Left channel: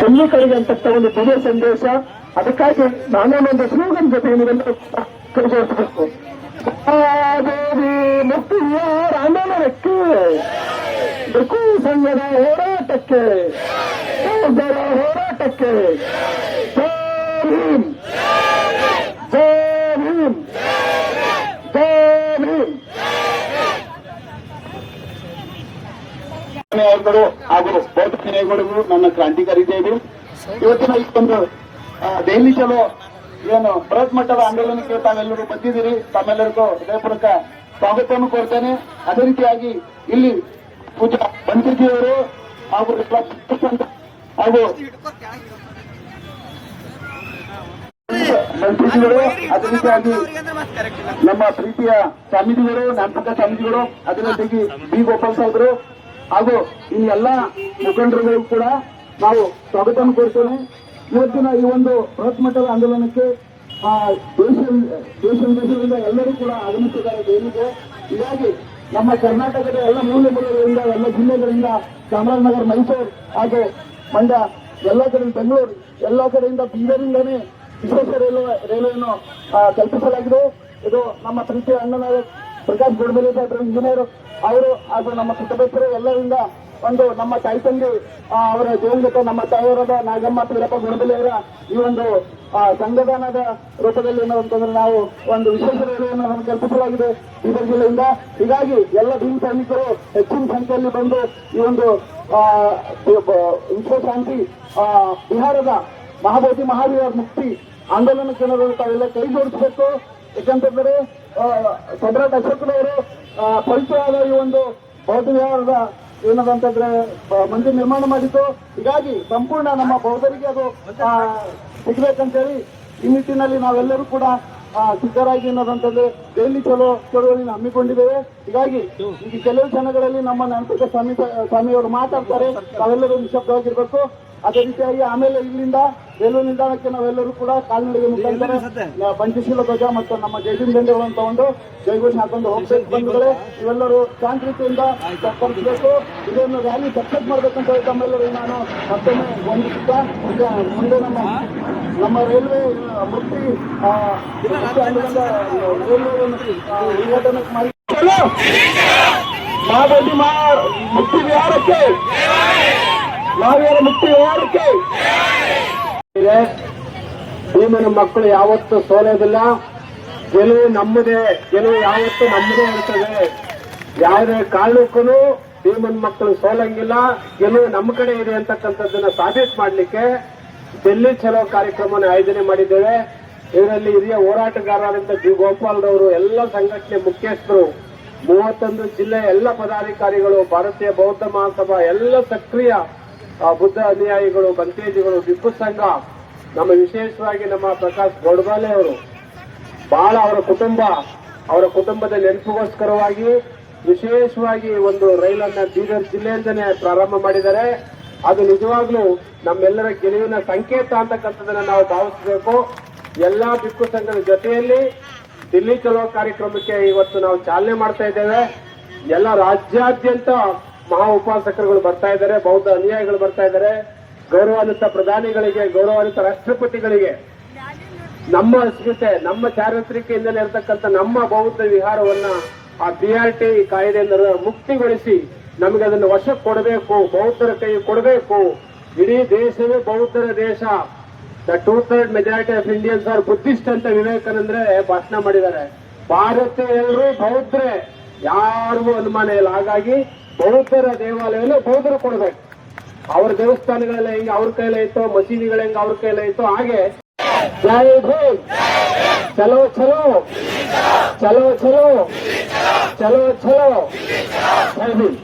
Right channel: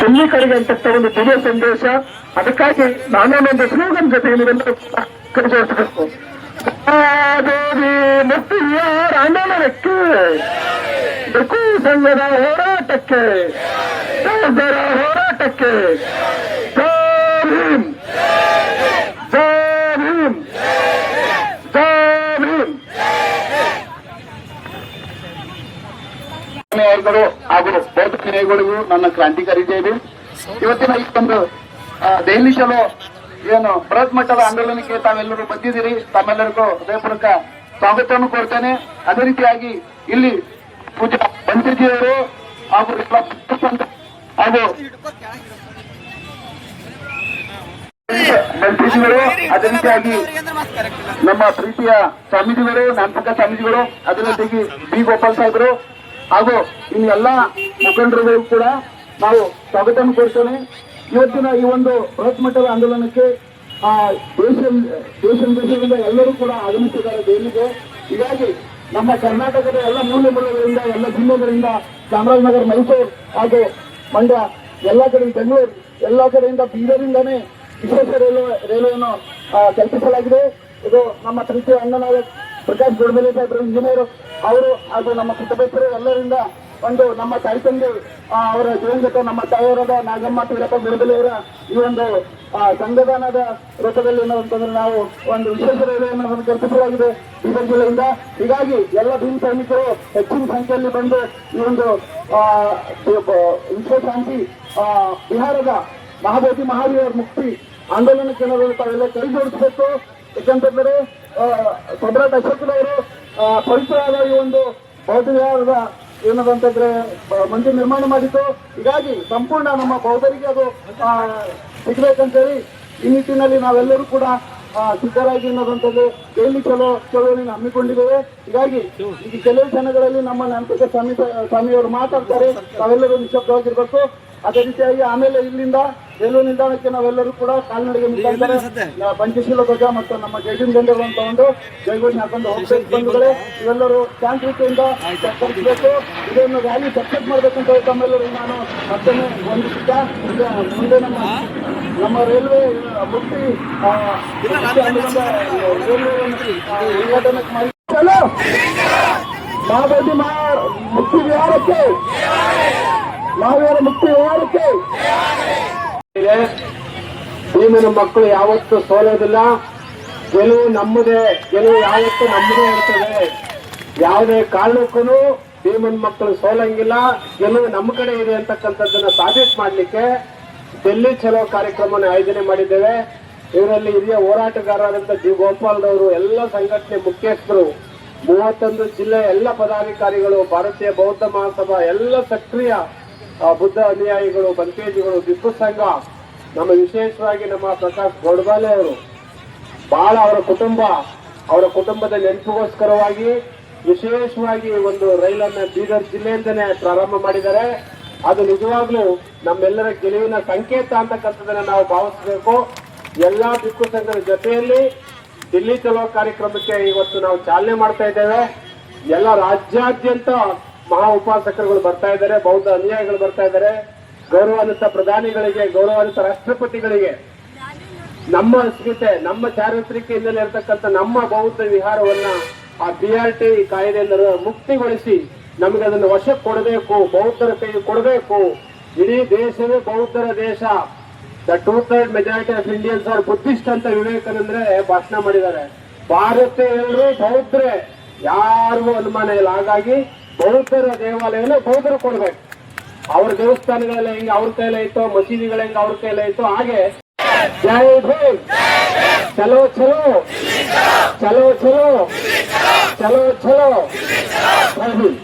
ಸೈನಿಕರಿಗೆ ಅಂತಕ್ಕ ಒಂದು ದಿವ್ಯ ಸಂದೇಶ. ಅದಕ್ಕಾಗಿ ನಾನೇನೊಂದು ಸ್ಲೋಗನ್ ಜೊತೆ ನೀವೆಲ್ಲರೂ ಕೈಜೋಡಿಸಬೇಕು. ದೇವಿ ಮುಕ್ತಿಯಾರ ಆಂದೋಲನಕ್ಕೆ, ಬೇಕು ಸಂಘದ ಹೋರಾಟಕ್ಕೆ, ಸಹೋದರ ಹೋರಾಟಕ್ಕೆ ಜೈ ಭೀಮ್, ಜೈ ಭೀಮ್, ಜೈ ಭೀಮ್. ಹಾಗೂ ಬೌದ್ಧ ನ್ಯಾಯಗಳಿಗೂ ನನ್ನ ಕ್ರಾಂತಿಕಾರಿ ಜೈಲು. ಇವತ್ತಿನ ಈ ಒಂದು ದೆಹಲಿ ಚಲೋ ಏನು ಬೃಹತ್ ಮಟ್ಟದ ಆಂದೋಲನಕ್ಕೆ ತಾವೆಲ್ಲರೂ ಬಂದಿದ್ದೀರಿ. ತಮ್ಮೆಲ್ಲರಿಗೂ ಹೃದಯಪೂರ್ವಕ ಸ್ವಾಗತವನ್ನು ಕೊಡ್ತೇನೆ. ಅದೇ ರೀತಿಯಾಗಿ ಇಲ್ಲಿ ಪೂಜಾ ಪಂಚಜಿಯವರು ಹಾಗೂ ಹಾಗೂ ಮಂತ್ರಿಜಿಗಳು, ಅದೇ ರೀತಿಯಾಗಿ ನಮ್ಮ ಪ್ರೀತಿಯ ಸ್ವಾಮೀಜಿಗಳು, ನಾಮಪಕ ಸ್ವಾಮೀಜಿಗಳು, ಅದೇ ರೀತಿಯಾಗಿ ಬಿ ಗೋಪಾಲ್ ಸಾಹೇಬರು ಹಾಗೂ ಇನ್ನೆಲ್ಲ ಮುಖಂಡರುಗಳು ಕೂಡ ನಾವು ಸ್ವಾಗತವನ್ನು ಕೊಡ್ತೇನೆ. ಇವತ್ತಿನ ಈ ಒಂದು ಬೃಹತ್ ಮಟ್ಟದ ಆಂದೋಲನಕ್ಕೆ ದೇಶದಿಂದ ಎಲ್ಲರೂ ಕೂಡ ಆಗಮಿಸಿದ್ದಾರೆ ದೆಹಲಿಗೆ. ಹೀಗಾಗಿ ನಮ್ಮ ಕರ್ನಾಟಕದ ಎಲ್ಲ ಮೂಲೆ ಮೂಲೆಗಳಿಂದ, ಎಲ್ಲ ಜಿಲ್ಲೆಗಳಿಂದ, ಚಾಮರಾಜನಗರ, ಮೈಸೂರು ಹಾಗೂ ಮಂಡ್ಯ, ಎಲ್ಲ ಕಡೆ ಬೆಂಗಳೂರು, ಎಲ್ಲ ಕಡೆಯಿಂದ ಬೀದರಿಂದಾನೇ ವಿಶೇಷ ರೈಲ್ವೆಯನ್ನು ಕಲ್ಪಿಸಲಾಗಿದೆ. ಇದು ನಮ್ಮ ಪ್ರೀತಿಯ ಅಣ್ಣನಾದ ಪ್ರಕಾಶ್ ಗೋಡ್ಮೇಲೆ ಸಾಹೇಬರು, ಇಂಜಿನಿಯರ್ ಅವರು ಹಾಗೂ ನಮ್ಮ ಕುಟುಂಬಸ್ಥರು ಎಲ್ಲರಿಂದ ಒಂದು ನಮ್ಮ ತಾಯಿ ತಂದೆ ಅವರ ಜೀವನದ ನಮ್ಮ ತಾಯಿಯವರಾದ ನಾಗಮ್ಮ ಪೀರಪ್ಪ ಗಣಬಲಿಯವರ ಈ ಒಂದು ಸಂವಿಧಾನದ ರೂಪದಲ್ಲಿ ಅಂತಂದ್ರೆ ನಾವು ಒಂದು ವಿಶೇಷ ರೈಲನ್ನು ಕಲ್ಪಿಸಲಾಗಿದೆ ಬೀದರ್ ಜಿಲ್ಲೆಯಿಂದ. ಹೀಗಾಗಿ ಎಲ್ಲ ಭೀಮ್ ಸೈನಿಕರು ಹೆಚ್ಚಿನ ಸಂಖ್ಯೆಯಲ್ಲಿ ಬಂದು ಈ ಒಂದು ವಿಶ್ವಶಾಂತಿ ಬಿಹಾರದ ಮಹಾಬೋಧಿ ಮಹಾವೀರ ಮುಕ್ತಿ ಆಂದೋಲನಕ್ಕೆ ತಾವೆಲ್ಲ ಕೈ ಜೋಡಿಸಬೇಕು. ಯಾಕಂತಂದ್ರೆ ಸಮ್ರಾಟ್ ಅಶೋಕನವರು ಪವಿತ್ರವಾದ ಈ ಒಂದು ಬೌದ್ಧ ವಿಹಾರದ ಏನದಂತಂದ್ರೆ ಮಂದಿರ ನಿರ್ಮಾಣ ಮಾಡಿತ್ತು. ಹೀಗಾಗಿ ಸಂಪೂರ್ಣ ನಮ್ಮ ಬೌದ್ಧರಿಗೆ ಅದು ಸಿಗ್ಬೇಕಂತೇಳಿ ಈ ನಿಟ್ಟಿನಲ್ಲಿ ನಾವೆಲ್ಲರೂ ಕೂಡ ಸಿದ್ಧರಾಗಿ ಅನ್ನೋದಂತಂದ್ರೆ ದೆಹಲಿ ಚಳುವಳಿನ ಹಮ್ಮಿಕೊಂಡಿದ್ದೇವೆ. ಹೀಗಾಗಿ ಈ ಕೆಲವು ಕ್ಷಣಗಳಲ್ಲಿ ನಮ್ಮ ನಂತರ ಸ್ವಾಮಿಯವರು ಮಾತಾಡ್ತಾರೆ, ನಾವೆಲ್ಲರೂ ನಿಶಬ್ದವಾಗಿರ್ಬೇಕು. ಅದೇ ರೀತಿಯಾಗಿ ಆಮೇಲೆ ಇಲ್ಲಿಂದ ರೈಲ್ವೆ ನಿಲ್ದಾಣಕ್ಕೆ ನಾವೆಲ್ಲರೂ ಕೂಡ ಕಾಲ್ನಡಿಗೆ ಮುಖಾಂತರ ಪಂಚಶೀಲ ಧ್ವಜ ಮತ್ತು ನಮ್ಮ ಜೈವಿನ್ ದಂಡಗಳನ್ನು ತಗೊಂಡು ಜೈವಿನ ಹಾಕೊಂಡು ಹೋಗ್ಬೇಕು. ಬಂಧುಗಳೇ, ಇವೆಲ್ಲರೂ ಶಾಂತಿಯಿಂದ ಕಲಿಸಬೇಕು. ಇದನ್ನು ರ್ಯಾಲಿ ಸಕ್ಸಸ್ ಮಾಡಬೇಕಂತ ತಮ್ಮೆಲ್ಲರೂ ನಾನು ಮತ್ತೊಮ್ಮೆ ವಂದಿಸಿದ್ದ. ಮುಂದೆ ನಮ್ಮ ರೈಲ್ವೆ ಮುಕ್ತಿ ಮಹಾಬೋಧಿ ಮುಕ್ತಿ ವಿಹಾರಕ್ಕೆ, ಮಹಾವೀರ ಮುಕ್ತಿ ಹೋರಾಟಕ್ಕೆ ಭೀಮನ ಮಕ್ಕಳು ಯಾವತ್ತೂ ಸೋಲೋದಿಲ್ಲ. ಗೆಲುವು ನಮ್ಮದೇ, ಗೆಲುವು ಯಾವತ್ತೂ ನಮ್ಮದೇ ಇರ್ತದೆ. ಯಾವುದೇ ಕಾರಣಕ್ಕೂ ಭೀಮನ ಮಕ್ಕಳು ಸೋಲಂಗಿಲ್ಲ. ಗೆಲುವು ನಮ್ಮ ಕಡೆ ಇದೆ ಅಂತಕ್ಕಂಥದ್ದನ್ನ ಸಾಬೀತು ಮಾಡಲಿಕ್ಕೆ ಡೆಲ್ಲಿ ಚಲೋ ಕಾರ್ಯಕ್ರಮವನ್ನು ಆಯೋಜನೆ ಮಾಡಿದ್ದೇವೆ. ಇದರಲ್ಲಿ ಹಿರಿಯ ಹೋರಾಟಗಾರರಾದಂಥ ಜಿ ಗೋಪಾಲ್ರವರು, ಎಲ್ಲ ಸಂಘಟನೆ ಮುಖ್ಯಸ್ಥರು, 31 ಜಿಲ್ಲೆಯ ಎಲ್ಲ ಪದಾಧಿಕಾರಿಗಳು, ಭಾರತೀಯ ಬೌದ್ಧ ಮಹಾಸಭಾ, ಎಲ್ಲ ಸಕ್ರಿಯ ಬುದ್ಧ ಅನುಯಾಯಿಗಳು, ಬಂಕೇಜಿಗಳು, ಟಿಪ್ಪು ಸಂಘ, ನಮ್ಮ ವಿಶೇಷವಾಗಿ ನಮ್ಮ ಪ್ರಕಾಶ್ ಗೋಡ್ಬಾಲೆ ಅವರು ಬಹಳ ಅವರ ಕುಟುಂಬದ ನೆನಪಿಗೋಸ್ಕರವಾಗಿ ವಿಶೇಷವಾಗಿ ಒಂದು ರೈಲನ್ನ ಬೀದರ್ ಜಿಲ್ಲೆಯಿಂದನೇ ಪ್ರಾರಂಭ ಮಾಡಿದ್ದಾರೆ. ಅದು ನಿಜವಾಗ್ಲೂ ನಮ್ಮೆಲ್ಲರ ಗೆಲುವಿನ ಸಂಕೇತ ಅಂತಕ್ಕಂಥದ್ದನ್ನ ನಾವು ಭಾವಿಸಬೇಕು. ಎಲ್ಲಾ ಟಿಪ್ಪು ಸಂಘದ ಜೊತೆಯಲ್ಲಿ ದಿಲ್ಲಿ ಚಲೋ ಕಾರ್ಯಕ್ರಮಕ್ಕೆ ಇವತ್ತು ನಾವು ಚಾಲನೆ ಮಾಡ್ತಾ ಇದ್ದೇವೆ. ಎಲ್ಲ ರಾಜ್ಯಾದ್ಯಂತ ಮಹಾ ಉಪಾಸಕರುಗಳು ಬರ್ತಾ ಇದ್ದಾರೆ, ಬೌದ್ಧ ಅನುಯಾಯಿಗಳು ಬರ್ತಾ ಇದ್ದಾರೆ. ಗೌರವಾನ್ವಿತ ಪ್ರಧಾನಿಗಳಿಗೆ, ಗೌರವಾನ್ವಿತ ರಾಷ್ಟ್ರಪತಿಗಳಿಗೆ ನಮ್ಮ ಅಸ್ಮಿತೆ, ನಮ್ಮ ಚಾರಿತ್ರಿಕ ಹಿನ್ನೆಲೆ ಇರತಕ್ಕಂಥ ನಮ್ಮ ಬೌದ್ಧ ವಿಹಾರವನ್ನ ಆ BRT ಕಾಯ್ದೆಯಿಂದ ಮುಕ್ತಿಗೊಳಿಸಿ ನಮಗೆ ಅದನ್ನು ವಶಕ್ಕೆ ಕೊಡಬೇಕು, ಬೌದ್ಧರ ಕೈ ಕೊಡಬೇಕು. ಇಡೀ ದೇಶವೇ ಬೌದ್ಧರ ದೇಶ. The 2/3 majority of Indians are Buddhist ಅಂತ ವಿವೇಕಾನಂದ್ರೆ ಭಾಷಣ ಮಾಡಿದ್ದಾರೆ. ಭಾರತೀಯರು ಬೌದ್ಧರೇ, ಯಾರಿಗೂ ಅನುಮಾನ ಇಲ್ಲ. ಹಾಗಾಗಿ ಬೌದ್ಧರ ದೇವಾಲಯನ ಬೌದ್ಧರು ಕೊಡ್ಬೇಕು. ಅವ್ರ ದೇವಸ್ಥಾನಗಳೆಲ್ಲ ಹೆಂಗೆ ಅವ್ರ ಕೈಲೇ ಇತ್ತು, ಮಸೀದಿಗಳ ಹೆಂಗೆ ಅವ್ರ ಕೈಲೇ ಇತ್ತು, ಹಾಗೆ ಜೈ ಭೀಮ್, ಚಲೋ ಚಲೋ ಚಲೋ ಚಲೋ ಚಲೋ ಚಲೋ ಜೈ ಭೀಮ್.